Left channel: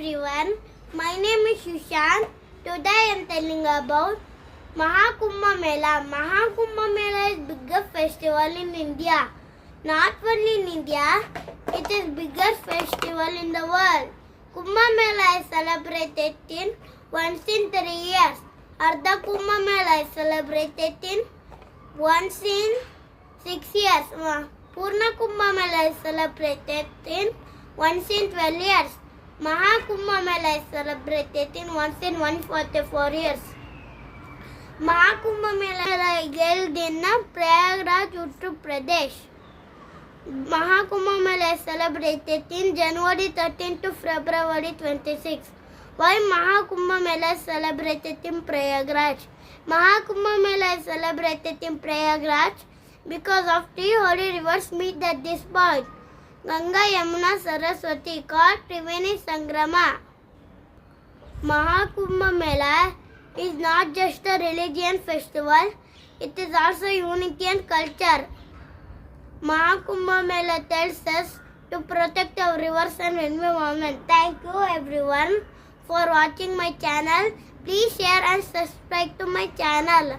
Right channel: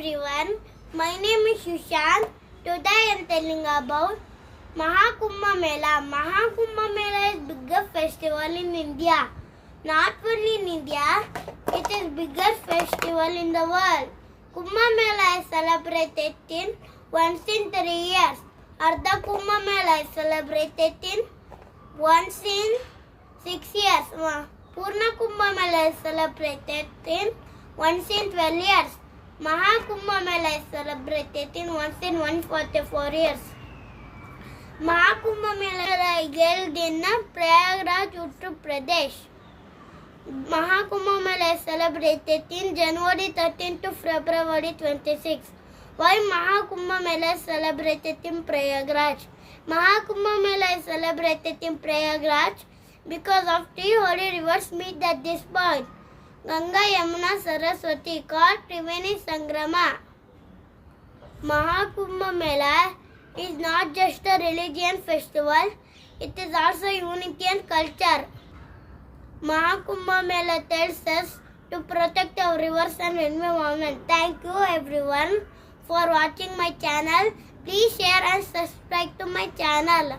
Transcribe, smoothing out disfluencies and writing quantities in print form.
everyone, my name is Sushant. Today I am telling about Mahakumbh Mela. Mahakumbh Mela is biggest festival in India. Not only in India, it is biggest festival in the world. Kumbh Mela is celebrated once in 3 years. Ardha Kumbh Mela is celebrated once in 6 years. Purna Kumbh Mela is celebrated once in 12 years. Mahakumbh Mela is celebrated once in 144 years. Mahakumbh Mela is held in Prayagraj, Uttar Pradesh. Mahakumbh Mela is celebrated in January 13 to February 26. Why Mahakumbh Mela is celebrated in Prayagraj? Mahakumbh Mela is celebrated in Prayagraj because of three holy rivers meet at this point. Ganga, Yamuna, Saraswati, called Triveni Sangrama. Mahakumbh Mela is not just a religion festival, it is also unity and culture. Mahakumbh Mela tells us to protect our rivers and environment. Thank you everyone for watching my channel. Please share and subscribe to my channel.